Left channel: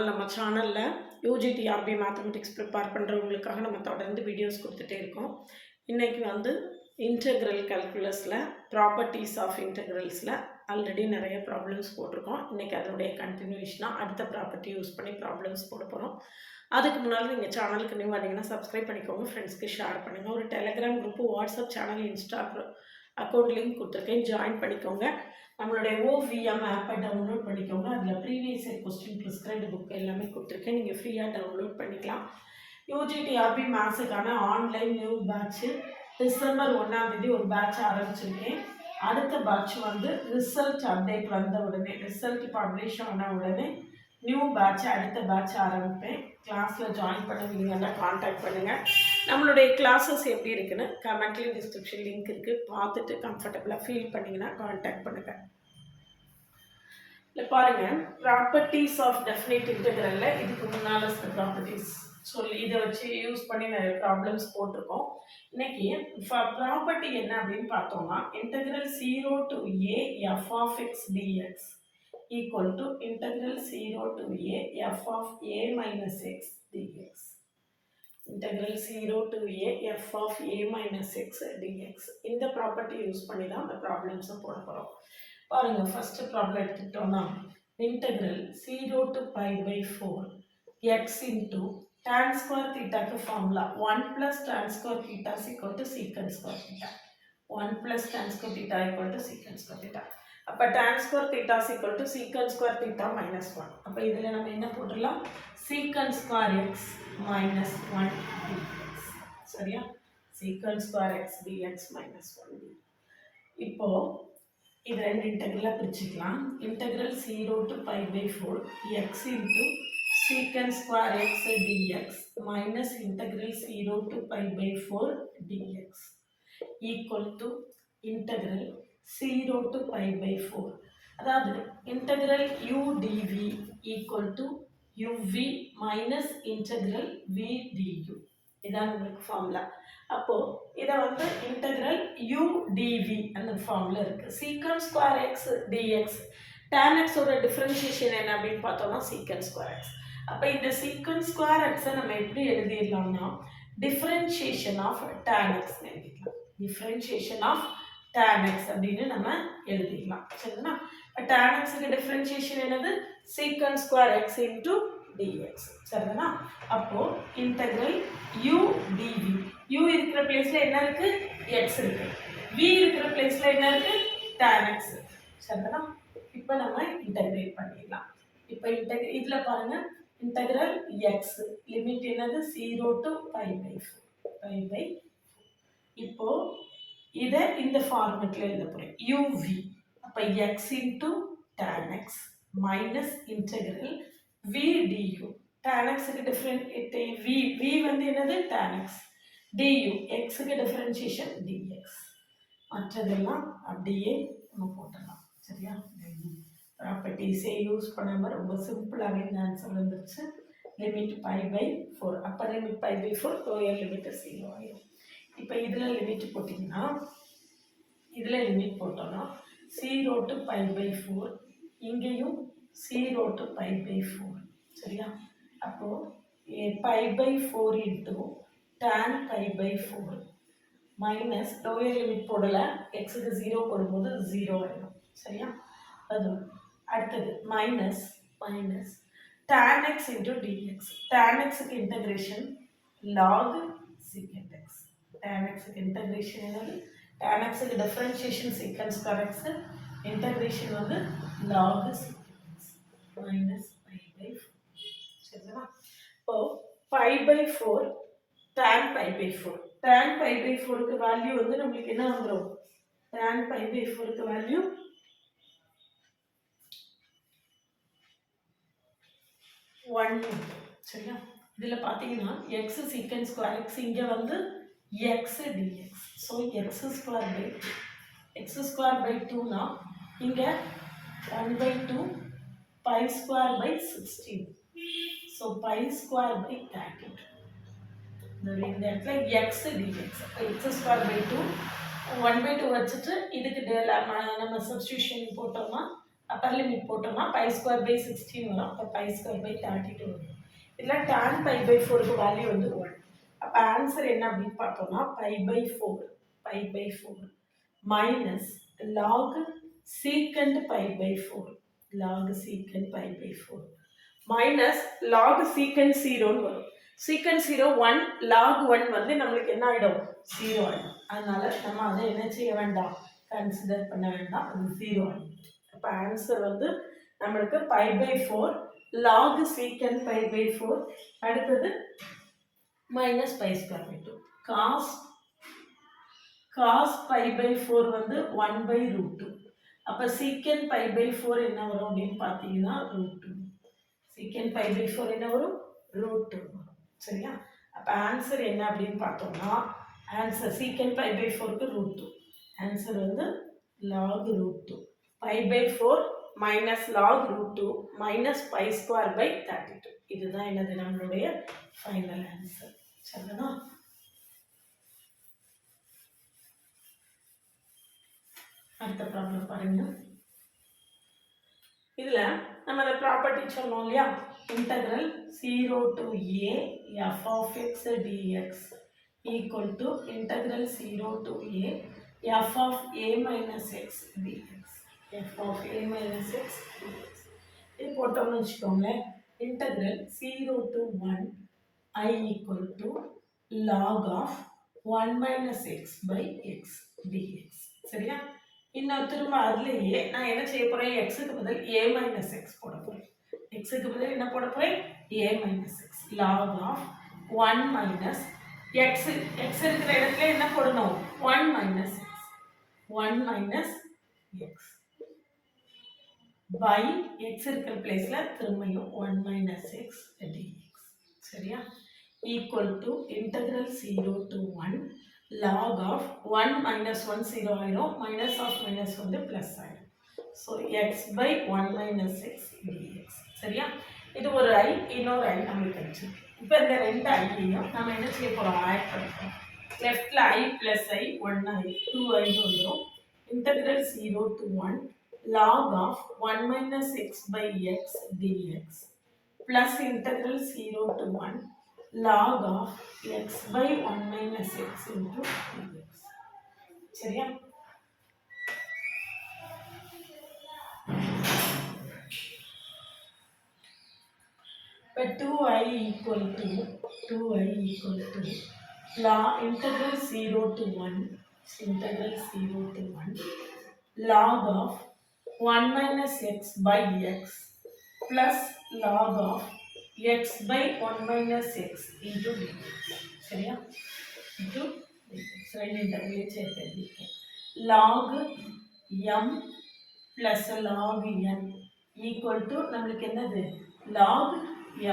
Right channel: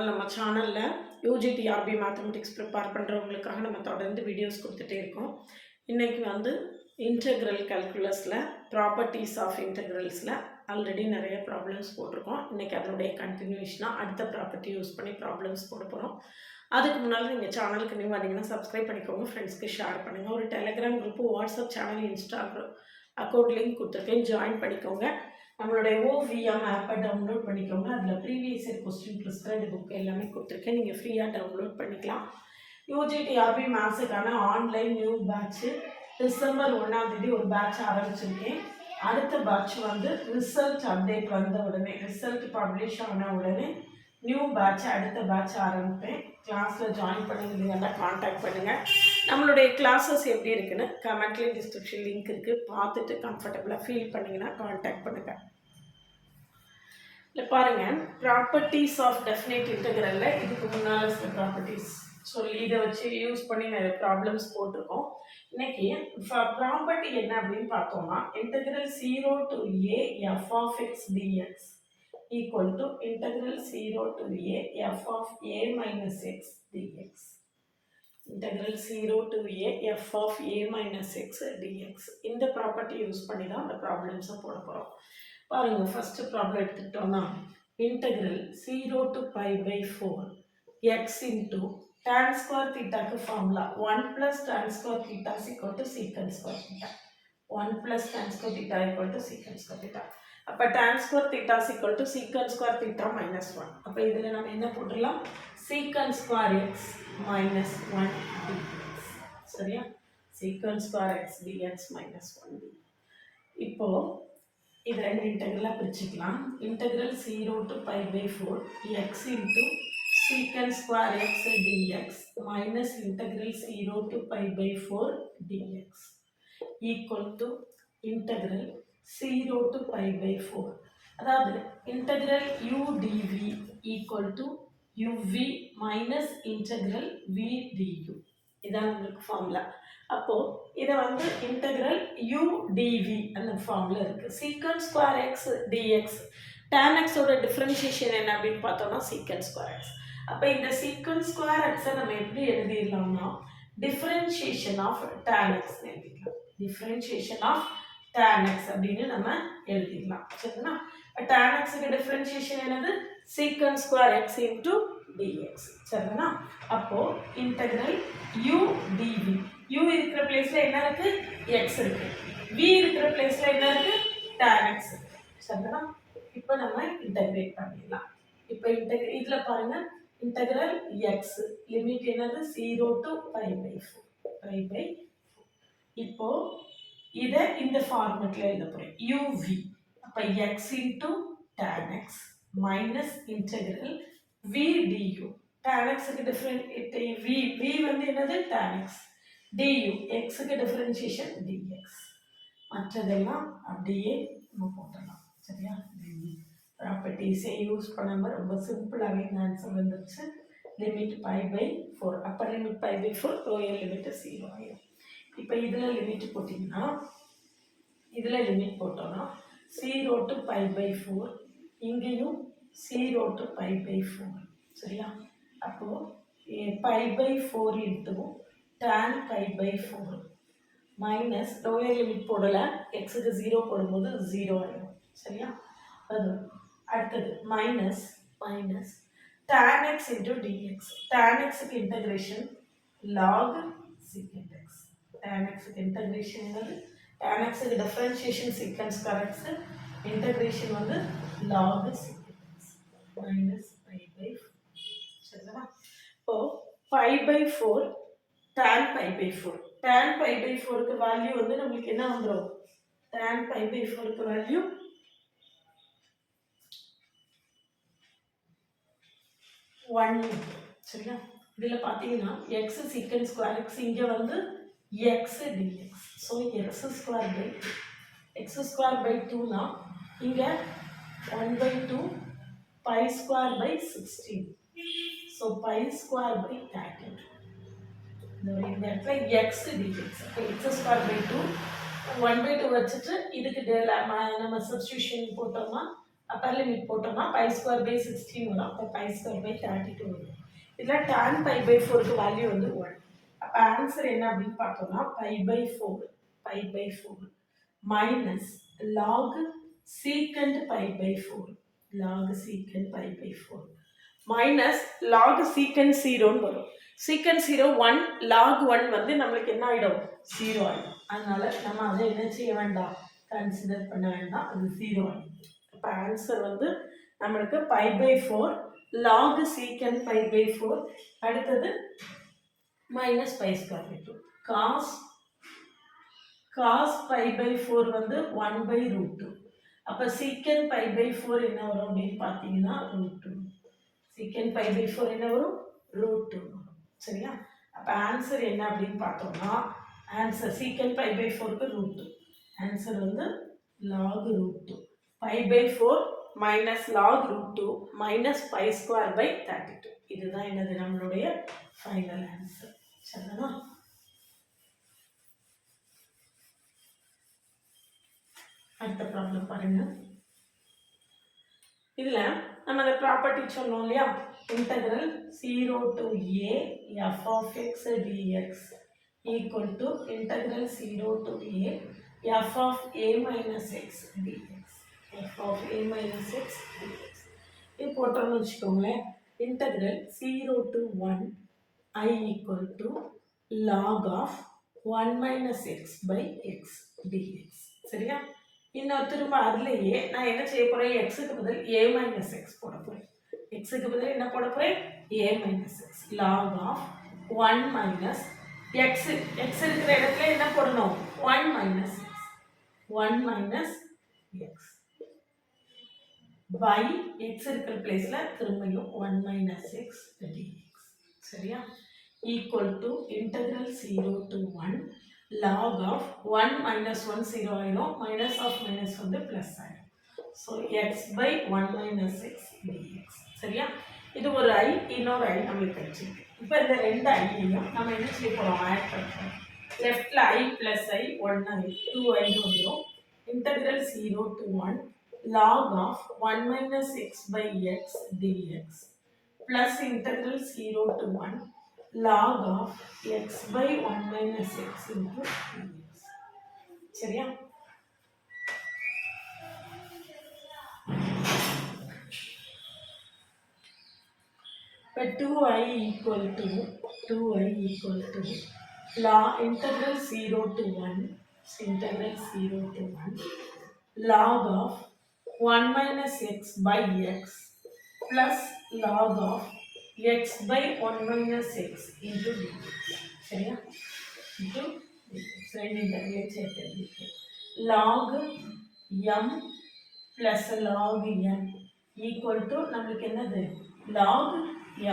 நாள் நம்ம சேனலில் யூஜிடிஆர்பி மேத்தமெட்டிக்ஸ் ப்ரிப்பேர் பண்ணுறவங்களுக்காக நம்ம தொடர்ந்து வீடியோஸ் கொடுத்துட்டே இருக்கோம். இன்றைக்கி வந்து இன்டெக்ரல் கால்குலஸில் ப்ராப்பர்ட்டிஸ் ஆஃப் இன்டெக்ரல்ஸில் ஆல்ரெடி நிறைய ப்ராப்ளம்ஸ் போட்டிருக்கோம். இன்றைக்கி அதனுடைய கண்டினியூஷனாக அடுத்த ப்ராப்பர்ட்டி யூஸ் பண்ணி ப்ராப்ளம்ஸ் போட போகிறோம். அதுக்கு முன்னால் நீங்கள் சேனலுக்கு நியூ வந்தீங்கன்னா சப்ஸ்கிரைப் பண்ணிக்கோங்க, ஃப்ரெண்ட்ஸ்க்கு ஷேர் பண்ணுங்கள். ஒரு Telegram group, WhatsApp channel, Instagram account link கொடுத்துருக்கேன், ஜாயின் பண்ணிக்கோங்க. நம்மளுடைய OVM ஆப்பை டவுன்லோட் பண்ணிக்கோங்க. அதில் previous year question prescribed book எல்லாமே கொடுத்துருக்கேன், நீங்கள் ஃப்ரீயாக டவுன்லோட் பண்ணிக்கலாம். யூஜிடிஆர்பி மேத்ஸுக்கான ஆன்லைன் நியூ பேட்ச்சு டிசம்பர் 1 ஒரு பேட்ச் ஆரம்பிச்சிருக்கேன். அடுத்த பேட்ச் வந்து ரிசல்ட் அப்டேட் வந்த உடனே, ரிசல்ட் பப்ளிஷ் ஆன உடனே நியூ பேட்ச் அடுத்த பேட்ச் ஆரம்பிப்பேன். கிளாஸில் ஜாயின் பண்ணிங்கன்னா காண்டாக்ட் பண்ணுங்கள். நம்மளுடைய கிளாஸஸ் எப்படி இருக்குன்னு கமெண்ட்லேயும் டிஸ்கிரிப்ஷன் லிங்க் இருக்குது, பார்த்துட்டு கம்ஃபர்டபுளாக ஃபீல் பண்ணிங்கன்னா காண்டாக்ட் பண்ணுங்கள். இல்லை பாருங்கள், ப்ராப்பர்ட்டிஸ் ஆஃப் டெஃபினைட் இன்டெக்ரலில் இதுக்கு முன்னால் இருக்கிற ப்ராப்பர்ட்டிஸ் சொல்லி இதை வச்சு யூஸ் பண்ணி நிறைய ப்ராப்ளம்ஸ் போட்டிருக்கோம். இன்னைக்கு ப்ராப்பர்ட்டி என்ன அப்படின்னு பார்த்தோம்னா, integral 0 to a f of x dx equal to integral 0 to a f of a minus x dx. Integral 0 to a f of a minus x dx. இந்த ப்ராப்பர்ட்டி யூஸ் பண்ணி தான் அந்த ப்ராப்ளம்ஸை போட போகிறோம். பாருங்க, ஃபர்ஸ்ட் ப்ராப்ளம் எடுத்துக்கிட்டோம்னா, integral 0 to pi by 4 x into tan square theta க்கு formula 1 plus tan square theta is equal to secant square theta. 1 plus tan square theta equal to secant square theta. அப்போ tan square theta is equal to secant square theta minus 1. அப்போ இதில் நம்ம என்ன போட்டுடலாம்? secant square x minus 1 dx. சரியா? secant square x dx minus 1 dx. இப்போ இது ரெண்டு இன்டெக்ரலாக பிரிச்சுக்கலாம். Integral 0 to pi by 4 x into secant square x dx minus integral 0 to pi by 4 dx equal to integral 0 to pi by 4. அதாவது integral u dv equal to uv minus integral v du. இதான் உங்களுக்கு formula. அப்போ இதை வந்து integral u dv அந்த formula இருக்கு. secant square x dx tan x ஓட differentiation என்ன அப்படின்னு பார்த்தோம்னா secant square x. அப்போ இந்த secant square x நம்ம எப்படி எழுதிடலாம்னா, differentiation of tan x எழுதிக்கலாம். differentiation of tan x அப்படின்னு நம்ம எழுதிடலாம். சரிங்களா? tan x க்கு டிஃபரன்ஷியேஷன் என்னது? secant square x into dx. சரிங்களா? அப்போ integral u dv, u இருக்கிற பிளேஸ்ல என்ன இருக்கு? x இருக்கு. v இருக்கிற பிளேஸ்ல என்ன இருக்கு? tan x. சரிங்களா? இப்போ நம்ம இன்டகிரேட் பண்ணிடலாம். இப்போ இதுல பாருங்க, integral x லிமிட் என்னது? 0 to pi by 4. இப்போ இத இந்த ஃபார்மட்ல எழுத போறேன். uv அப்ப x into tan x minus integral v du. tan x க்கு டிஃபரண்ட் v வந்து என்னது? tan x du, x க்கு டிஃபரன்ஷியேஷன் dx. மற்றதெல்லாம் அப்படியே நம்ம போடலாம். சரியா? ப்ராப்பர்ட்டிஸே யூஸ் பண்ணாமல் ரொம்ப சிம்பிளாகவே இந்த ஆன்சர் வந்துருச்சு. Limit pi by 4. அப்போ limit pi by 4, lower limit 0 ஆகிடும். இப்போ இதில் லிமிட் போட்டிங்கன்னா, இதில் லிமிட் போட்டோம்னா 0 to pi by 4, இங்கேயும் 0 to pi by 4. சரியா? அப்போது pi by 4 into tan pi by 4 minus lower limit போடலை, எக்ஸுக்கு 0 போடும்போது 0 ஆகிடும். சரியா? அது அடுத்தது minus tan x into dx. tan x க்கு integration log secant x. tan x க்கு இன்டகிரேஷன் என்னது? tan x க்கு differentiation secant square x, integration வந்து log secant x minus pi by 4. சரிங்களா? இப்போ pi by 4 tan pi by 4. tan pi by 4 க்கு value வந்து நமக்கு என்ன வந்துரும்? tan pi by 4 க்கு வேல்யூ 1. சரியா? இதில் பார்த்தீங்கன்னா x secant square x இங்கே வந்து x dx. So x square by 2னா இங்கே 1 by 2 pi square by 16. So pi square by 32. இந்த இடத்துல x dx. x square by 2 1 by 2 வச்சுட்டு இதுக்கு நம்ம சப்ஸ்டியூஷன் போட்டோம்னா அப்பர் லிமிட் போட்டோம்னா பை ஸ்கொயர் பை 16 வரும். அப்போ பை ஸ்கொயர் பை 32 வரும். இதில் tan பை பை 4க்கு வேல்யூ வந்து 1. அப்போ ஆன்சர் என்ன அப்படின்னு பார்த்தோம்னா pi by 4 minus log secant pi by 4 log secant pi by 4 minus log secant 0ன்னு வரும். சீக்கண்ட் 0 1 லாக் 1 வந்து நம்மளுக்கு என்ன ஆகிடும் 0 ஆகிடும். அதனால நம்ம அதை என்ன செய்ய வேண்டாம், கன்சிடர் பண்ண வேண்டாம், அது 0 ஆகிடும். அப்போ ஆன்சர் வந்து நம்மளுக்கு pi by 4 log secant pi by 4 அடுத்தது minus pi square by 2 cos pi by 4 வந்து 1 பை ரூட் 2. அப்போ சீக்கண்ட் பை பை 4 என்ன வரும் அப்படின்னு பார்த்தீங்கன்னா ரூட் 2. சீக்கண்ட் பை பை 4 என்ன வரும் ரூட் 2 வரும். சரியா? அப்போ ஆன்சர் என்ன அப்படின்னு பார்த்தோம்னா ஆன்சர் சீக்கண்ட் பை பை 4க்கு ரூட் 2. ஆன்சர் வந்து log root 2 pi by 4 minus log root 2 minus pi square by 32. இதுதான் என்னது நம்மளுடைய ஃபைனல் ஆன்சர். சரிங்களா? அடுத்த ப்ராப்ளம் பாருங்க. இதில் நம்ம அந்த ப்ராப்பர்ட்டி சொன்னோம் இல்லையா, integral 0 to a f of x dx equal to integral 0 to a f of a minus x dx f of a minus x dx இது போட்டோம்னு வச்சுக்கோங்களேன். Integral 0 to 1 I equal to log of 1 minus x by x dx. சரியா? இன்னும் திரும்ப அதுலேயே நான் என்ன செய்ய போகிறேன், எக்ஸுக்கு பதில் a மைனஸ் எக்ஸ் போட போகிறேன். எக்ஸுக்கு பதில் என்ன போட போகிறேன், a minus X log of 1 minus X இருக்கிற இடத்துல என்ன போடணும் 1 minus X 1 minus X by X இருக்கிற பிளேஸில் திரும்பியும் 1 மைனஸ் எக்ஸ் டிஎக்ஸ். சரியா? Equal to integral 0 to 1 log of 1 minus 1 0 ஆயிரும், minus of minus வந்து plus ஆயிரும். So x by 1 minus x dx. சரியா? இது ஒரு I, இன்னொரு I நம்மளுக்கு கிடைச்சி. இப்போ இந்த ரெண்டு ஐயையும் நம்ம என்ன செய்ய போகிறோம், ஆட் பண்ணுறோம். லெஃப்டில் I plus I 1I 2I வந்துடும். Integral 0 to 1 log of 1 minus x by x dx plus integral 0 to 1 log of x by 1 minus x into dx. சரியா? இப்போ 2i equal to integral 0 to 1 log of 1 minus x by x plus log of x by 1 minus x into dx. சரியா? into dx. ரெண்டு integral சேர்த்து log m plus log n equal to நம்மளுக்கு என்னது log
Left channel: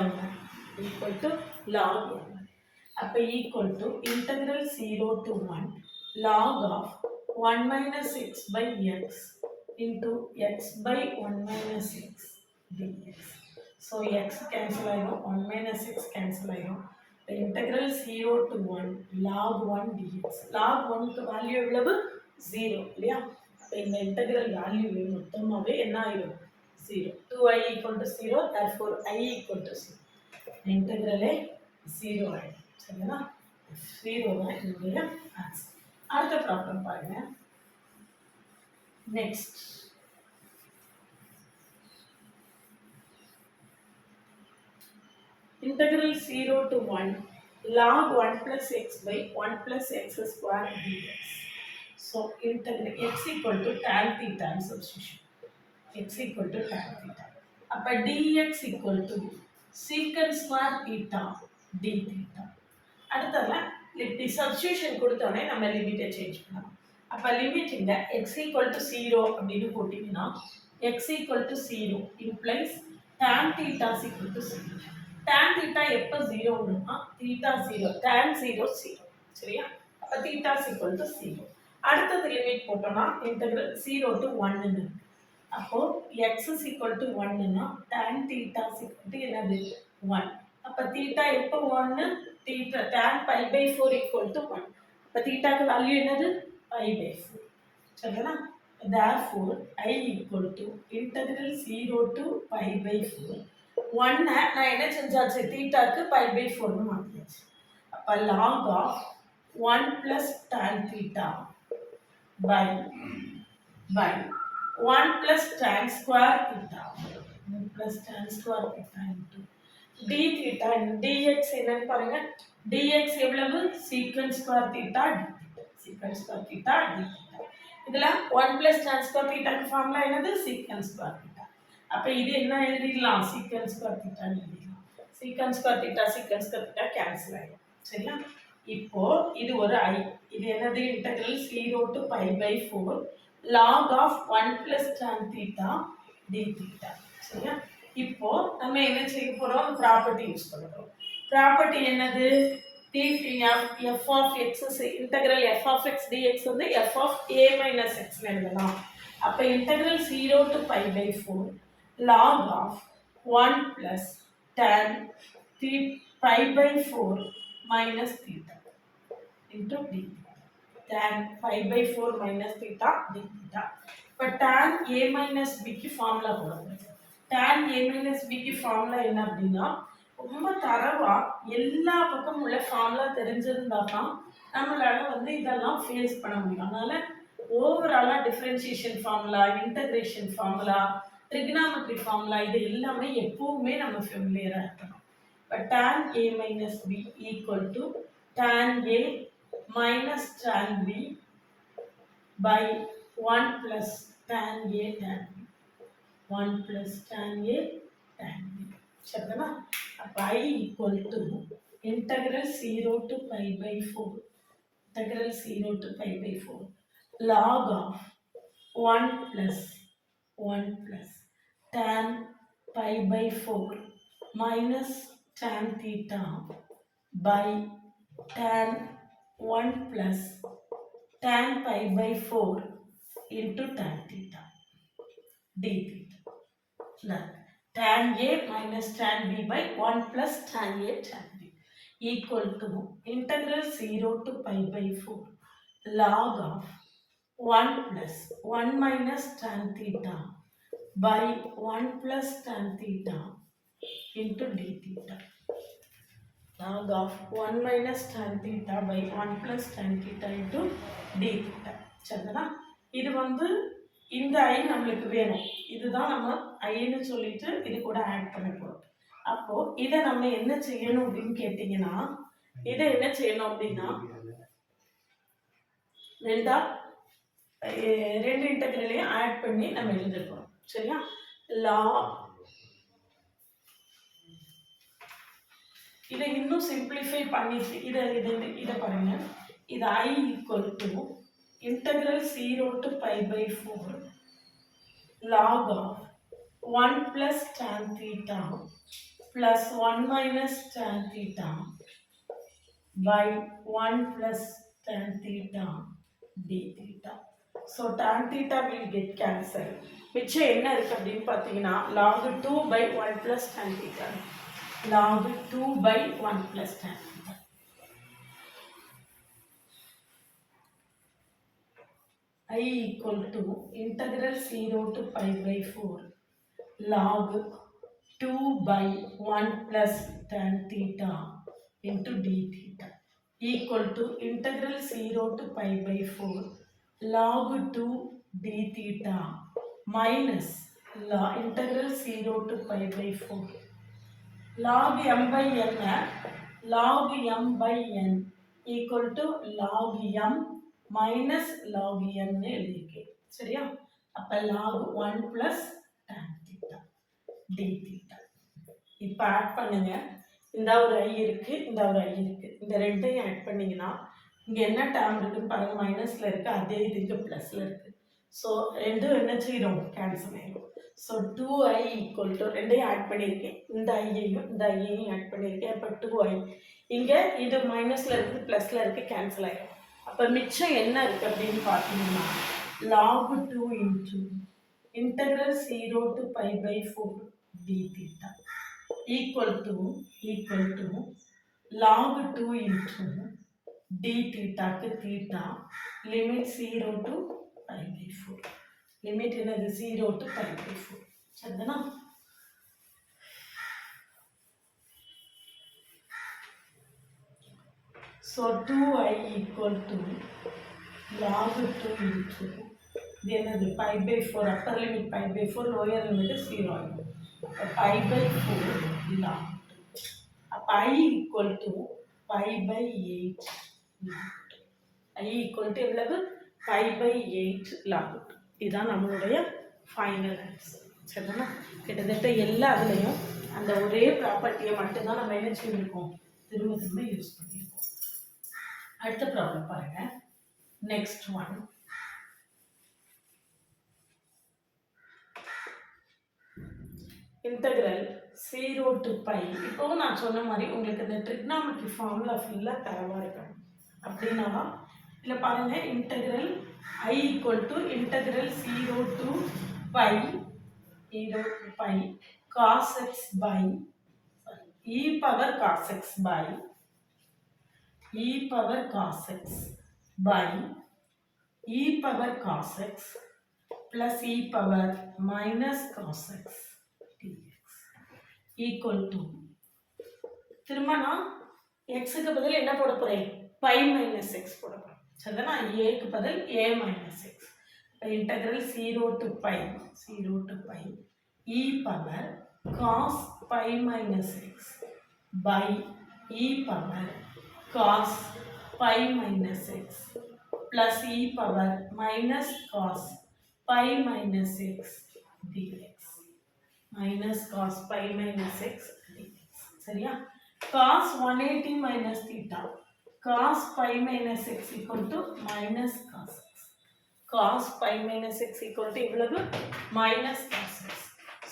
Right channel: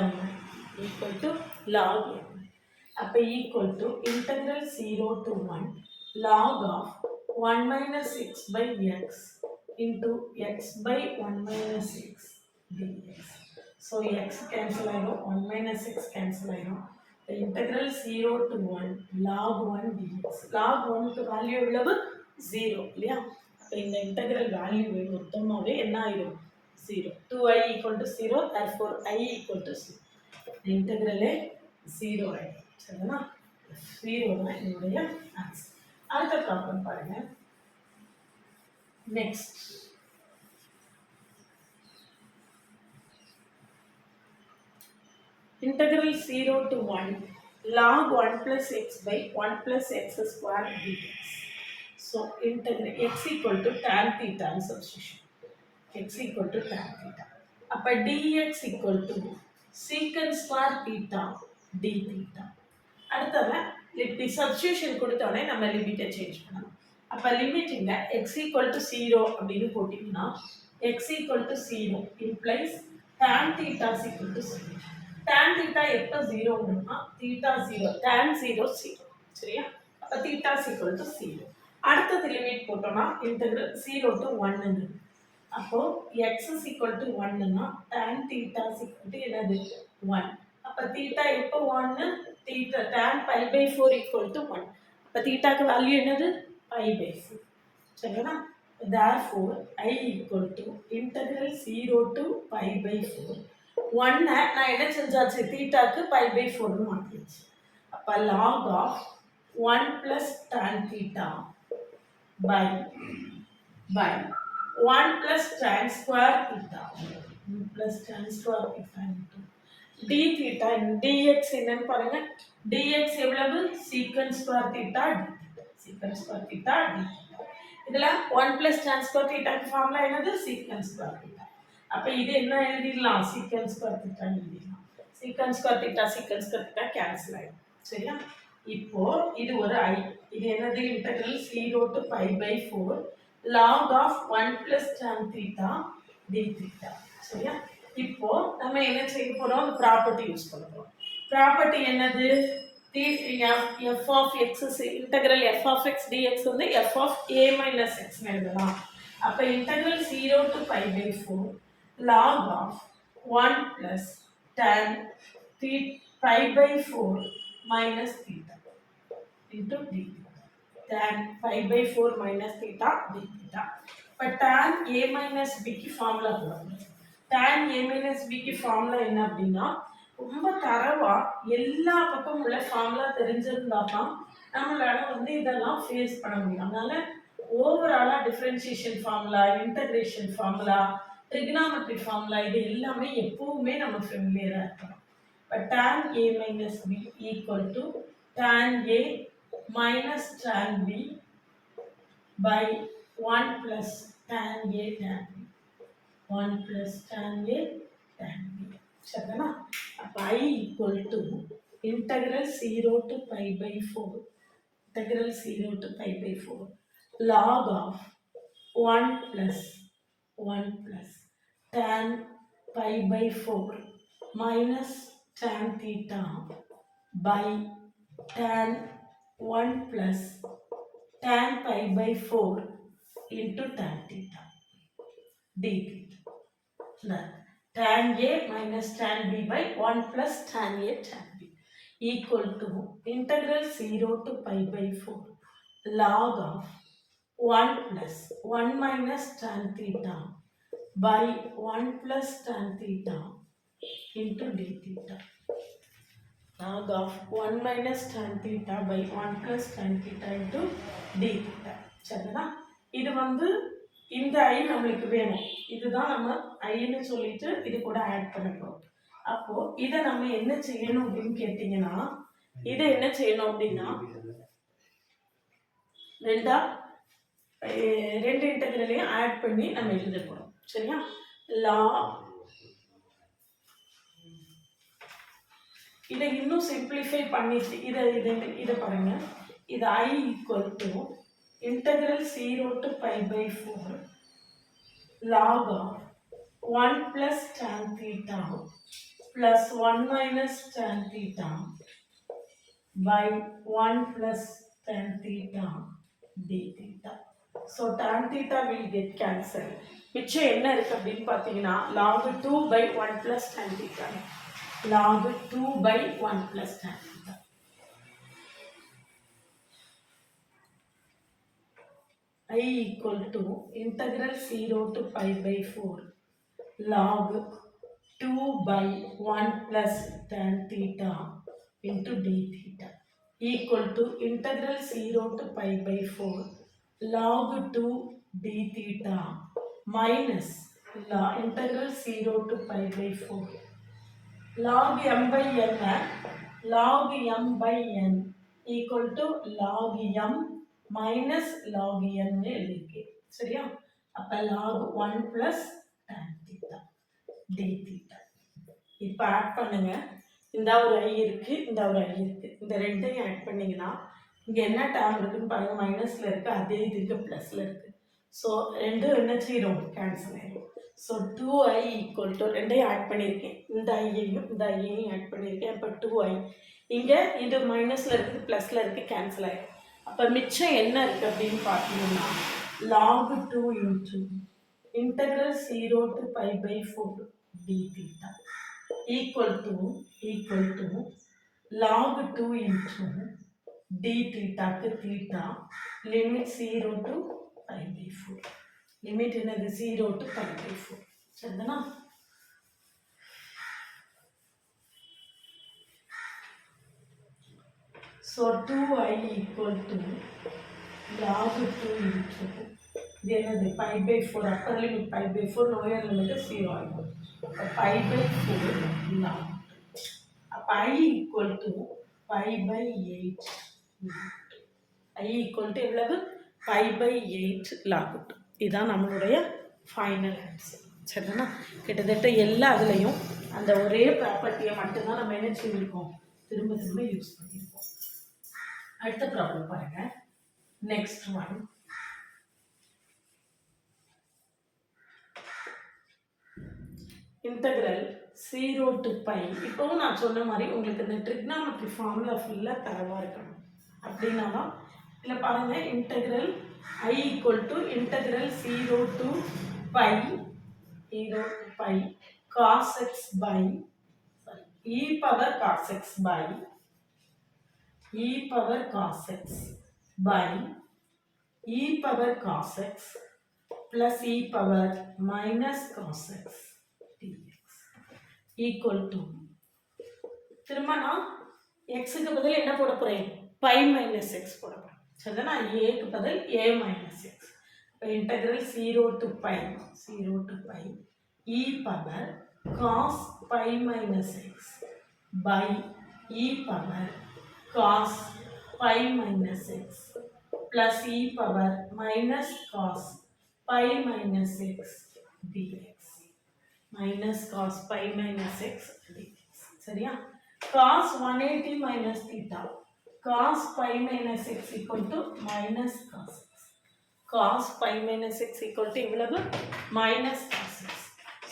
m equal to log m. அப்போ equal to integral 0 to 1 log of 1 minus x by x into x by 1 minus x dx. So x cancel ஆயிரும், 1 minus x cancel ஆயிரும். The integral 0 to 1 log 1 dx. log 1க்கு value எவ்வளவு 0 இல்லையா? அப்போ இந்த integral value மொத்தமாகவே என்ன ஆயிரும் 0. 2i equal to 0, therefore I equal to 0. இன்டெகிரலே 0 ஆயிடும். சரிங்களா? 0 தான் என்னுடைய ஆன்சர். அடுத்த ப்ராப்ளம் பாருங்க. Next integral 0 to 1 log 1 plus x by 1 plus x square dx. So integral x equal to tan theta substitution. X equal to tan theta. அப்போ dx equal to secant square theta d theta. அடுத்ததுல இப்படி substitution கொடுத்தோடனே நம்ம லிமிட்டை change பண்ணணும். அப்போ limit இங்க x equal to 0 அப்படின்னு போட்டிங்கன்னா x equal to 0 implies tan theta is equal to 0. tan theta எப்போ 0 வரும்னா theta 0 tan 0 0. சரியா? அப்போ theta is equal to 0. அடுத்தது லிமிட் போட்டோம்னா இன்டெகிரல் 0 to 1 ன்னு. அப்போ x is equal to 1 னா tan theta is equal to என்னது 1. அப்போ theta எப்போ 1 theta tan pi by 4 equal to 1. அப்போ theta க்கு வேல்யூ என்னது pi by 4. சரிங்களா? therefore I equal to integral 0 to pi by 4 1 நான் என்ன செஞ்சாச்சு தீட்டாக்கு pi by 4 மாத்தியாச்சு அப்ப log of 1 plus tan theta by 1 plus tan square theta 1 plus tan square theta into d theta dx என்னன்னு பாருங்க dx எவ்வளவு secant square theta d secant square theta d இதுல 1 plus tan square theta formula என்னது secant square theta அப்ப இது என்ன எழுதிடலாம் secant square theta எழுதிடலாம் secant square theta கேன்சல் ஆயிடும் சரியா இப்போ இது ஒரு I இது என்னது integral 0 to pi by 4 log of 1 plus tan theta d theta சரியா இப்போ நம்ம என்ன செய்ய போறோம் ப்ராப்பர்ட்டி யூஸ் பண்ண போறோம் ப்ராப்பர்ட்டி என்னது f of x integral f of x dx வந்து f of a minus x னு எழுதலாம் அப்ப integral 0 to pi by 4 log of 1 plus tan pi by 4 minus theta into d tan pi by 4 minus theta d theta but tan a minus b की formula போடுங்க tan a minus b की formula என்ன அப்படினா ரொம்ப தரவா எல்லா பக்கமும் உள்ள ஃபார்முலா தெரிஞ்சிருந்தா தான் நம்மளால வந்து இதெல்லாம் ஃபேஸ் பண்ண முடியும் அதனால ஓவராலா differentiation formula integration formula trigonometry formula இது எல்லாமே எப்பவுமே நம்ம ஃபெமிலியரா இருக்கணும் but tan a minus b equal to tan a minus tan b by 1 plus tan a tan b 1 plus tan a tan b சரிதானா அப்ப I equal to integral 0 to pi by 4 integral 0 to pi by 4 log of 1 plus tan pi by 4 minus tan theta by tan 1 plus tan pi by 4 into tan theta d theta tan a minus tan b by 1 plus tan a tan b equal to integral 0 to pi by 4 log of 1 plus 1 minus tan theta by 1 plus tan theta into d theta log of 1 minus tan theta by 1 plus tan theta into d theta சரிங்களா இது வந்து இந்த I நமக்கு வேணும் இதுதான் நம்ம ஐன்னு சொல்லிட்டு இது கூட ஆட் பண்ண போறோம் அப்போ இதை நம்ம என்ன செய்யணும் அப்படின்னு கேட்டீங்கன்னா இதை என்ன செய்யணும் அப்படின்னா ரெண்டு இன்டெகிரலையும் ஆட் பண்ணி நம்ம எழுத போறோம் சரியா இதை இன்னும் சிம்பிளிஃபை பண்ணிட்டு இதை பாருங்க இது I equal to integral 0 to pi by 4 log of 1 plus tan theta plus 1 minus tan theta by 1 plus tan theta d theta. So tan theta will get cancelled. மிச்சம் என்ன இருக்கு அப்படின்னு பார்த்தீங்கன்னா log 2 by 1 plus tan theta log 2 by 1 plus tan theta. I equal to integral 0 to pi by 4 log 2 by 1 plus tan theta into d theta equal to integral 0 to pi by 4 log 2 d theta minus integral 0 to pi by 4 log m by n log m by n equal to log m minus log n எழுதிருக்கேன் சரியா அப்ப log 1 plus tan theta d theta இப்போ add பண்ணுங்க இந்த ஒரு I இருக்கு இந்த ஒரு I இருக்கு இந்த ரெண்டையும் ஆட் பண்ணீங்கன்னா இங்க என்ன டேர்ம் இருக்குன்னு பாருங்க மைனஸ்ல இருக்கு அதே இது இங்க பிளஸ்ல இருக்கு ஸோ ரெண்டும் என்ன செய்யணும் கேன்சல் ஆயிடும் ஸோ 2i ஈக்குவல் டு ரெண்டையும் ஆட் பண்ணியிருக்கேன் இந்த ஐயையும் இந்த ஐயையும் ஆட் பண்ணியிருக்கேன் அப்போ 2i இங்கே இது மைனஸில் இருக்குது ப்ளஸில் இருக்குது கேன்சல் ஆகிடும் அப்போ மிச்சம் என்ன இருக்குது அப்படின்னு பார்த்தீங்கன்னா log 2 into integral 0 to pi by 4 d theta equal to log 2 into d theta க்கு theta limit 0 to pi by 4 limit என்னது 0 to pi by 4 சரிதானா so 2i equal to log 2 into இது என்னது pi by 4 upper limit pi by 4 lower limit 0 ஆகும் pi by 4 log அப்ப I equal to pi by 8 I equal to எவ்வளவு pi by 8 log 2 இதான் நம்மளுடைய final answer சரிதானா கிட்டத்தட்ட எல்லா அதுலேயும் அந்த ஒரே ப்ராப்பர்ட்டியை மட்டும்தான் நம்ம என்ன செஞ்சுருக்கோம் திரும்ப திரும்ப யூஸ் பண்ணியிருக்கோம் அடுத்த ப்ராப்ளம் பாருங்க next one integral 0 to pi இப்போவும் நான் சொன்ன மாதிரி உங்களுக்கு இந்த ட்ரிக்னாமெட்ரி ஃபார்முலா ஃபுல்லாக தரவாக இருக்கணும் அப்படின்னா இதில் பாருங்கள் integral I equal to integral 0 to pi cos x by e power cos x by e power cos x by e power cos x plus e power minus cos x dx equal to திரும்ப நான் xக்கு பதில் என்ன போட போறேன் pi minus x போட போறேன் சரிதானா aக்கு பதில் a minus x integral 0 to pi e power cos pi minus x by e power cos pi minus x plus e power minus cos pi minus x dx minus cos pi minus x dx சரியா cos 180 minus theta cos pi minus x equal to minus cos x cos pi minus x equal to இவ்வளவு minus cos x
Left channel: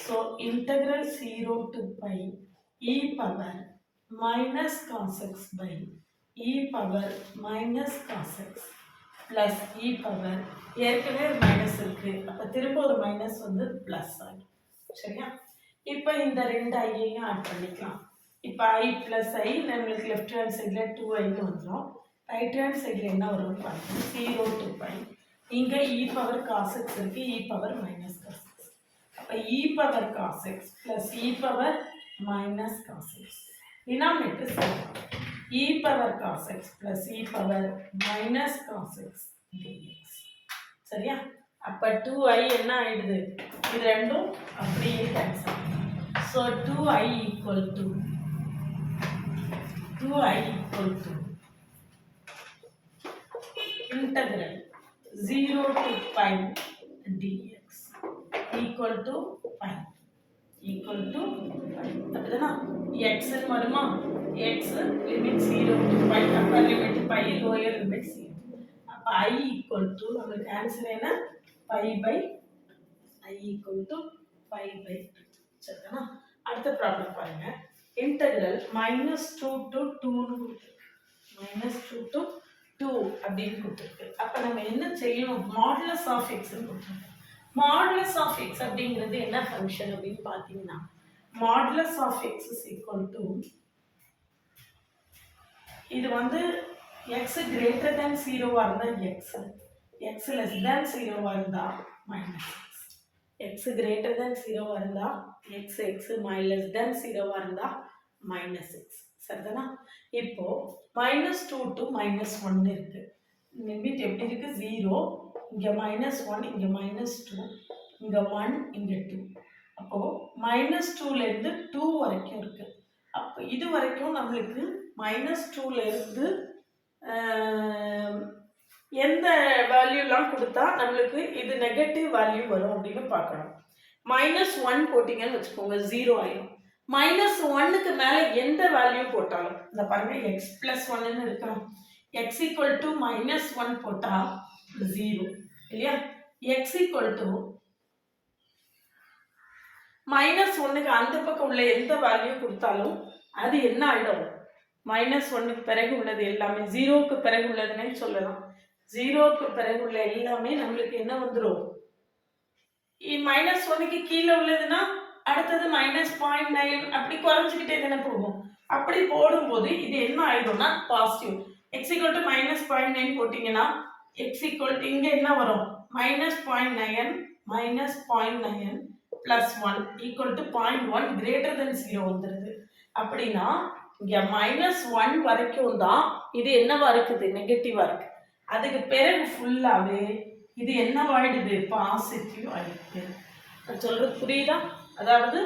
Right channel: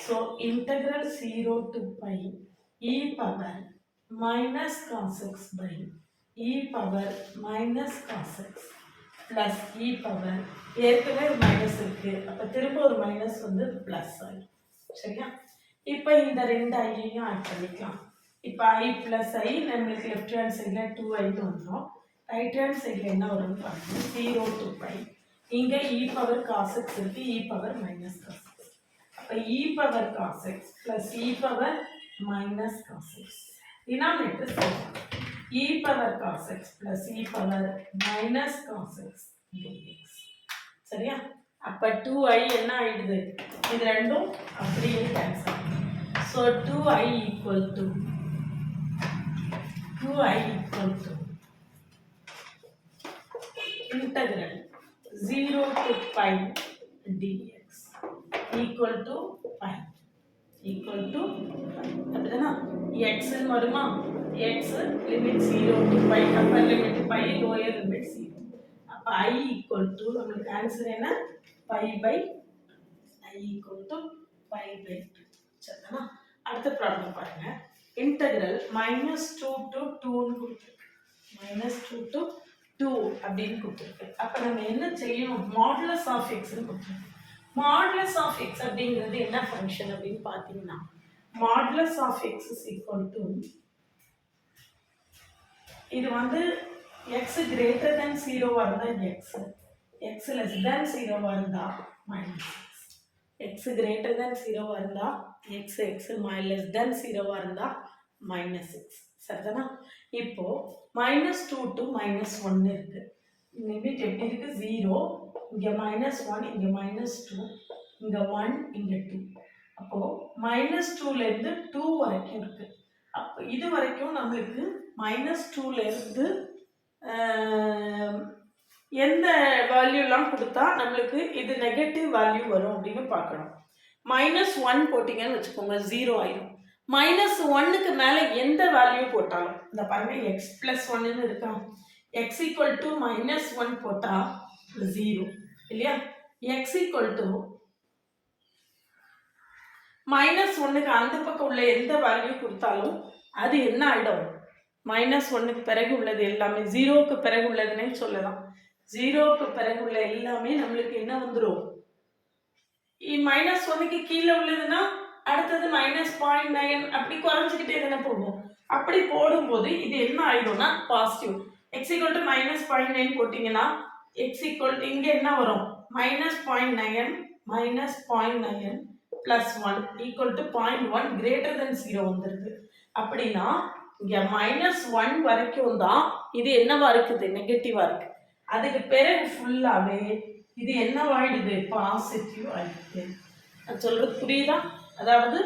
so integral 0 to pi e power minus cos x by e power minus cos x plus e power ஏற்கனவே ஒரு minus இருக்கு அப்ப திரும்ப ஒரு minus வந்து plus ஆகும் சரியா இப்போ இந்த ரெண்டு ஐயையும் ஆட் பண்ணிக்கலாம் இப்போ i plus i நம்மளுக்கு லெஃப்ட் ஹேண்ட் சைடில் 2i வந்துடும் ரைட் ஹேண்ட் சைடில் என்ன வரும்னு பார்க்கணும் 0 to pi இங்கே e power cos x இருக்கு e power minus cos x அப்போ e power cos x plus e power minus cos x denominator சேர்க்கலாம் e power cos x plus e power minus cos x dx சரியா அப்போ 2i என்ன ஆயிடுது இது ரெண்டும் அப்படியே கேன்சல் ஆகும் so 2i equal to integral 0 to pi dx equal to pi அப்படிதானா x ன்னு வருமா x limit 0 to pi upper limit pi lower limit 0 அப்ப I equal to நமக்கு ஆன்சர் என்ன pi by I equal to pi by 2 சரிதானா அடுத்த problem பாருங்க integral -2 to 2 ன்னு கொடுத்திருக்கு -2 to 2 அப்படின்னு கொடுத்திருக்கு அப்ப நம்ம என்ன செய்யணும் மாடுலஸ் ஆஃப் x ன்னு கொடுத்திருக்கு மாடுலஸ் ஆஃப் x அப்படிங்கிறது என்ன ஃபங்க்ஷன் அப்படின்னு பாத்தீங்கன்னா modulus of x is equal to இது வந்து x greater than 0 வா இருந்தா x less than 0 வா இருந்தா minus x greater than 0 வா இருந்தா x less than 0 வா இருந்தா minus x சரிதானா இப்போ -2 to -1 இருக்கு லிமிட் எப்படி இருக்கு 0 இங்க -1 இங்க -2 இங்க 1 இங்க 2 அப்போ -2 ல இருந்து 2 வரைக்கும் இருக்கு அப்போ இது வரைக்கும் நம்மளுக்கு -2 ல இருந்து எந்த வேல்யூலாம் கொடுத்தா நம்மளுக்கு இது நெகட்டிவ் வேல்யூ வரும் அப்படின்னு பார்க்கணும் -1 போட்டிங்கன்னு வச்சுக்கோங்க 0 ஆயிடும் -1க்கு மேலே எந்த வேல்யூ போட்டாலும் இந்த பாருங்க x + 1ன்னு இருக்கா x = -1 போட்டா 0 இல்லையா x = -1க்கு அந்த பக்கம் உள்ள எந்த வேல்யூ கொடுத்தாலும் அது என்ன ஆயிடும் -1க்கு பிறகு உள்ளது எல்லாமே 0க்கு பிறகு உள்ளதுன்னே சொல்லலாம் 0க்கு பிறகு உள்ள எல்லாமே நம்மளுக்கு என்ன வந்துடும் -1க்கு கீழே உள்ளதுன்னா அடுத்தது -0.9 அப்படி குறைஞ்சிக்கிட்டே தானே போகும் அப்படி போடும்போது இது என்ன ஆயிடும்னா பாசிட்டிவ் x = -0.9 போட்டிங்கன்னா x இங்கே என்ன வரும் -0.9 minus 0.9 plus 1 equal to 0.1 greater than 0 வந்துடுது. அப்படின்னா இங்கே -1 வரைக்கும் தான் இது என்னவா இருக்குது, நெகட்டிவாக இருக்குது. அதுக்கு பிறகு ஃபுல்லாகவே இது என்னவாயிடுது, பாசிட்டிவ் ஆயிடுது. நான் சொல்கிறது புரியுதா? அதாவது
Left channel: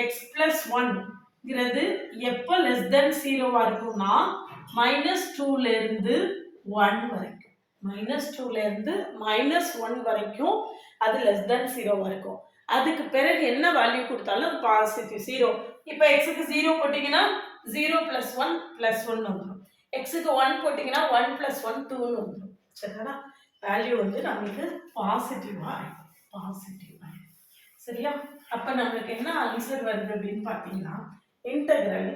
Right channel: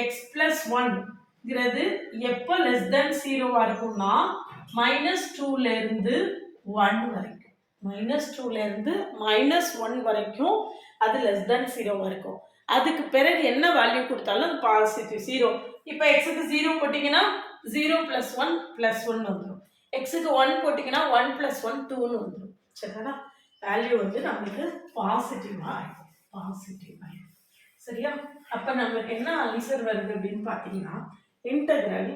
எக்ஸ் ப்ளஸ் 1ங்கிறது எப்போ லெஸ் தென் 0வாக இருக்கும்னா -2லேருந்து 1 வரைக்கும், -2லேருந்து -1 வரைக்கும் அது லெஸ் தென் 0வாக இருக்கும். அதுக்கு பிறகு என்ன வேல்யூ கொடுத்தாலும் பாசிட்டிவ் 0. இப்போ எக்ஸுக்கு 0 போட்டிங்கன்னா 0 + 1 + 1 வந்துடும். எக்ஸுக்கு 1 போட்டிங்கன்னா 1 + 1 2ன்னு வந்துடும். சரிங்களா? வேல்யூ வந்து நம்மளுக்கு பாசிட்டிவாக ஆகிடும், பாசிட்டிவ் ஆகிடும். சரியா? அப்போ நம்மளுக்கு என்ன ஆன்சர் வருது அப்படின்னு பார்த்தீங்கன்னா, integral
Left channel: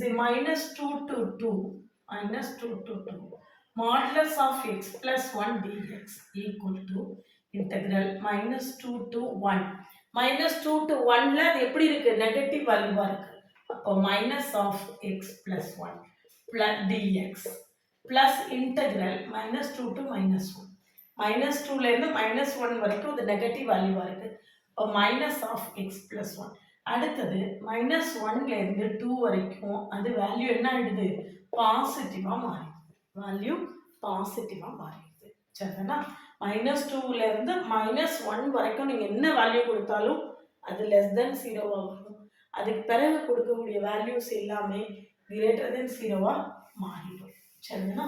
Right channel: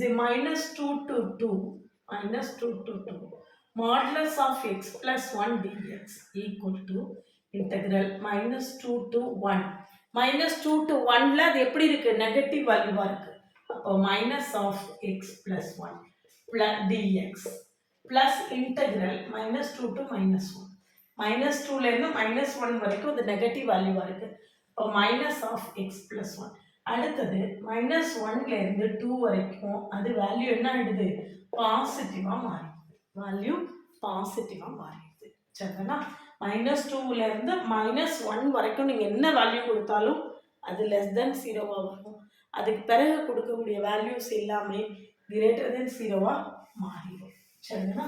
-2 to 2 modulus of x plus 1 dx equal to integral -2 to 1. -2 to 1ல அது எப்படி இருக்கு, நெகட்டிவ் வேல்யூவா இருக்கு. அப்போ minus of x plus 1 plus dx plus integral -2 to -1. -2லேருந்து -1 வரைக்கும் அது நெகட்டிவ் வேல்யூவா இருக்கு. இப்போ minus of x plus 1. அடுத்தது -1லேருந்து 2 வரைக்கும் அது வேல்யூ என்ன ஆயிடுது, பாசிட்டிவாக மாறிடுது. வேல்யூ பாசிட்டிவாக மாறிடுது. சரிங்களா? -2லேருந்து -1 வரைக்கும் நீங்கள் என்ன வேல்யூ கொடுத்தாலும் அது லெஸ் தென் 0வாக வரும். அதுக்கு பிறகு கொடுக்கக்கூடிய வேல்யூஸ் எல்லாமே கிரேட்டர் தென் 0வாக மாறிடும். சரிங்களா?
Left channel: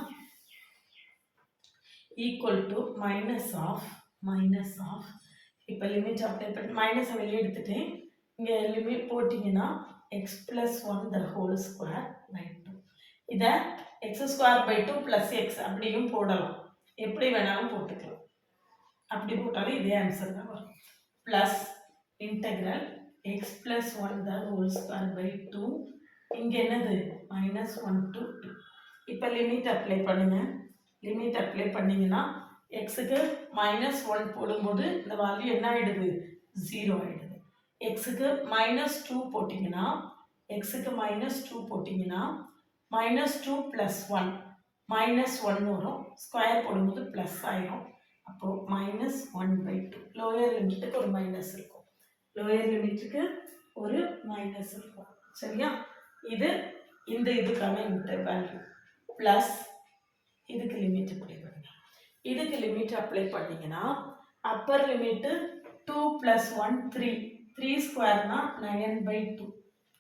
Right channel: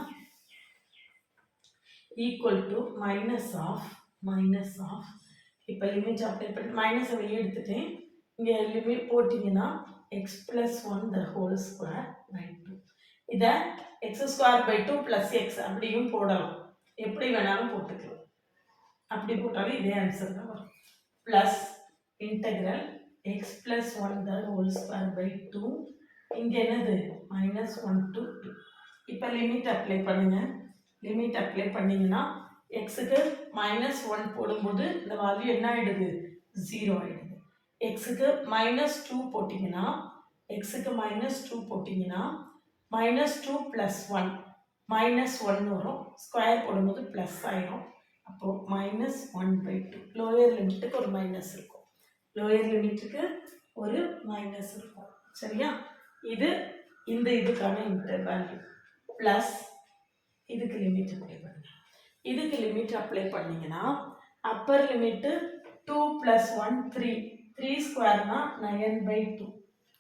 ஈக்குவல் டு மைனஸ் ஆஃப் இப்போ லிமிட் அப்ளை பண்ணி மைனஸை வெளியே எடுத்துட்டேன். இங்கே லிமிட் போட்டிங்கன்னா X plus 1 the whole square by 2. இதை x² 2 + x அப்படியும் போடலாம், எப்படி வேணாலும் போட்டுக்கலாம். அப்படி போட்டாலும் இதே ஆன்சர் தான் வரும். Plus integral X plus 1 the whole square by 2. இங்கே என்னது, -1 to 2. இப்போ லிமிட் அப்ளை பண்ணுங்க. லிமிட் அப்ளை பண்ணிங்கன்னா எக்ஸுக்கு -1 போடும்போது இந்த வேல்யூ என்ன ஆகிடுது, 0 ஆகிடுது. எக்ஸுக்கு -2 போட்டிங்கன்னா -2 + 1 -1 வரும். ஸ்கொயர் போடும்போது ப்ளஸ் ஆயிரும். அப்போது -1/2. லோயர் லிமிட்டுக்கு ஒரு மைனஸ் இருக்கும், லோயர் லிமிட்டுக்கு ஒரு மைனஸ் இருக்கும். சரியா? இது இந்த இதுக்கான வேல்யூ ப்ளஸ் இதுக்கு லிமிட் அப்ளை பண்ணுங்க. இதுக்கு லிமிட் அப்ளை பண்ணிங்கன்னா அப்பர் லிமிட்டு 2 + 1 3. 3 ஸ்கொயர்னா 9/2.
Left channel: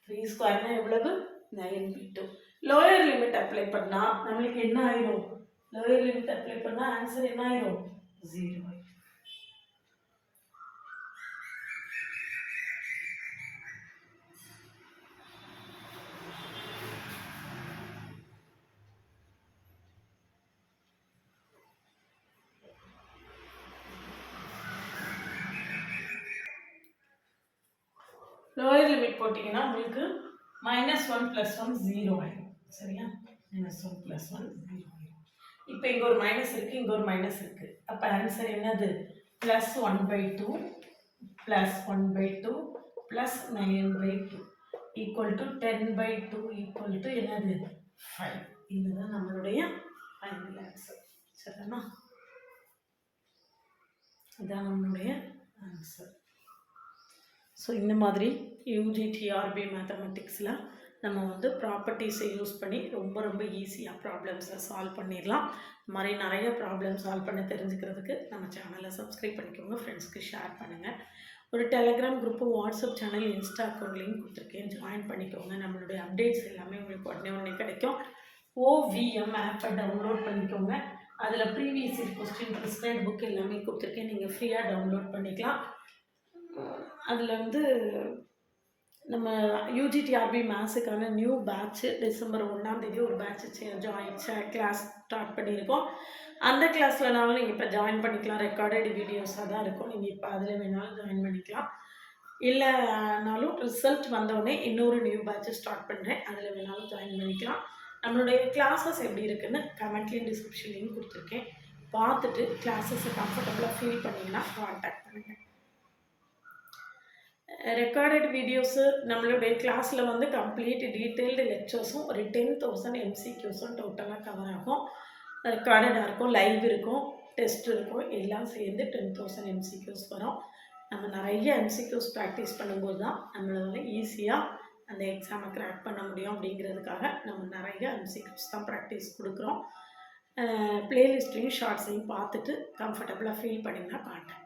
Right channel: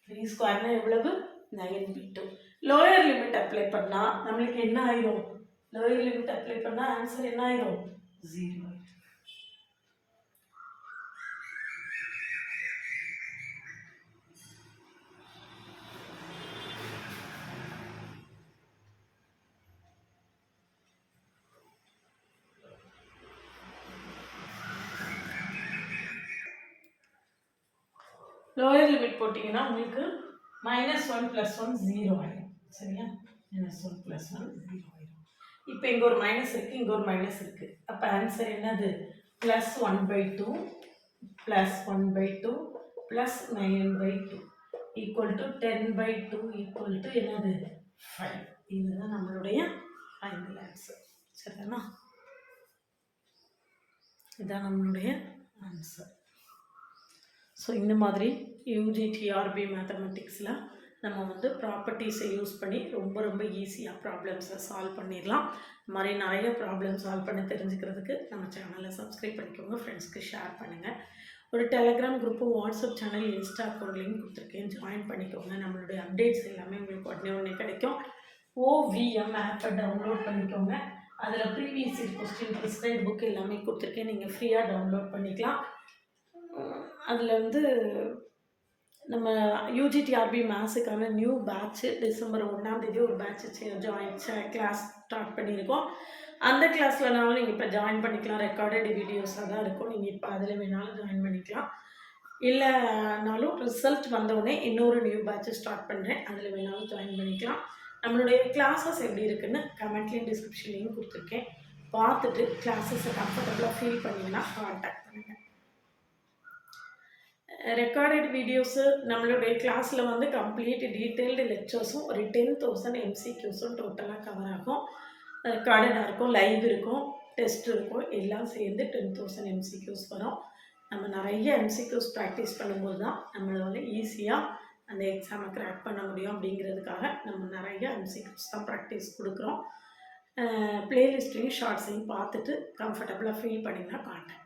3 ஸ்கொயர்னா எவ்வளவு, 9/2. லோயர் லிமிட் அப்ளை பண்ணால் நம்மளுக்கு என்ன ஆயிரும், லோயர் லிமிட் அப்ளை பண்ணால் ஆன்சர் என்ன ஆயிரும், 0. லோயர் லிமிட் போட்டிங்கன்னா உங்களுக்கு -1 + 1 0 ஆயிடும். சரியா? -1 + 1 0 ஆயிடும். இப்போ இங்கே ஒரு மைனஸ் இருக்குது, இங்கே ஒரு மைனஸ் இருக்குது. அப்போ ஆன்சர் என்னது, +1/2 +1/2 +9/2 ஈக்குவல் டு 10/2 ஈக்குவல் டு என்னது, 5. இதுதான் நம்மளுடைய ஃபைனல் ஆன்சர். சரிதானா? இதுதான் நம்மளுடைய ஆன்சர். ஸோ இந்த மாதிரி UGTRB மேத்தமெட்டிக்ஸில் நம்ம வந்து ப்ராப்பர்ட்டிஸை யூஸ் பண்ணி ரொம்ப ஈஸியாக ப்ராப்ளம்ஸை சால்வ் பண்ணிடலாம். இந்த மாதிரி நிறைய ப்ராப்ளம் சால்வ் பண்ண தெரிஞ்சுக்கிறதுக்கு நம்ம சேனலை சப்ஸ்கிரைப் பண்ணிக்கோங்க, ஃப்ரெண்ட்ஸ்க்கு ஷேர் பண்ணுங்கள். ஒரு Telegram group, WhatsApp channel, Insta account link கொடுத்துருக்கேன், ஜாயின் பண்ணிக்கோங்க. நம்மளுடைய அப்டேட்ஸ் எல்லாமே உங்களுக்கு உடனே கிடைக்கும். OVM ஆப்பை டவுன்லோட் பண்ணிக்கோங்க. அதில் previous year question, prescribed book எல்லாமே கொடுத்துருக்கேன், நீங்கள் ஃப்ரீயாக டவுன்லோட் பண்ணிக்கலாம். அதில் வந்து நம்ம UGTRB மேத்ஸுக்கான நியூ பேட்ச்சு டிசம்பர் 1 ஒரு பேட்ச் கிளாஸ் ஸ்டார்ட் பண்ணியிருக்கோம். அந்த கிளாஸ்லனாலும் நீங்கள் இப்போ ஜாயின் பண்ணிக்கலாம். ரெக்கார்டட் வீடியோஸாக தான் இருக்கும், நீங்கள் இப்போ அதில் வேணாலும் ஜாயின் பண்ணிக்கலாம். இல்லைனாலும் ரிசல்ட் வந்தவுடனே இன்னொரு நியூ பேட்ச்சு ஸ்டார்ட் பண்ணுறேன், அதில் வேணாலும் ஜாயின் பண்ணிக்கலாம். நம்மளுடைய கிளாஸஸ் எப்படி இருக்குன்னு கமெண்ட்லேயும் டிஸ்கிரிப்ஷன்லேயும் கொடுத்துருக்கேன். பார்த்துட்டு கிளாஸஸை கம்ஃபர்டபுளாக ஃபீல் பண்ணிங்கன்னா கான்டாக்ட் பண்ணுங்கள். ரெக்கார்டட் வீடியோஸு நம்மளுடைய கிளாஸில் வந்து கம்ப்ளீட் டீட்டெயில்டு லெக்சர்ஸும் ஒரு 10,000 MCQஸும் டோட்டலாக கவர் ஆகும். ரெக்கார்டடாக இருக்கும், லைவ் இருக்கும், டெஸ்ட் இருக்கும், எல்லாம் சேர்ந்து 10,000 MCQஸ் வரும். நம்ம நிறைய எம்சிக்யூஸ் ப்ராக்டிஸ் பண்ணும்போது தான் நம்மளால ஈஸியாக அந்த எக்ஸாமை கிராக் பண்ண முடியும். அப்படிங்கிறதுக்காக நம்ம நிறைய எம்சிக்யூஸ் தான் ப்ராக்டிஸ் கொடுக்குறோம். ப்ளேலிஸ்ட்டையும் ஷார்ட்ஸையும் பார்த்துட்டு கம்ஃபர்டபுளாக ஃபீல் பண்ணிங்கன்னா காட்டுங்க.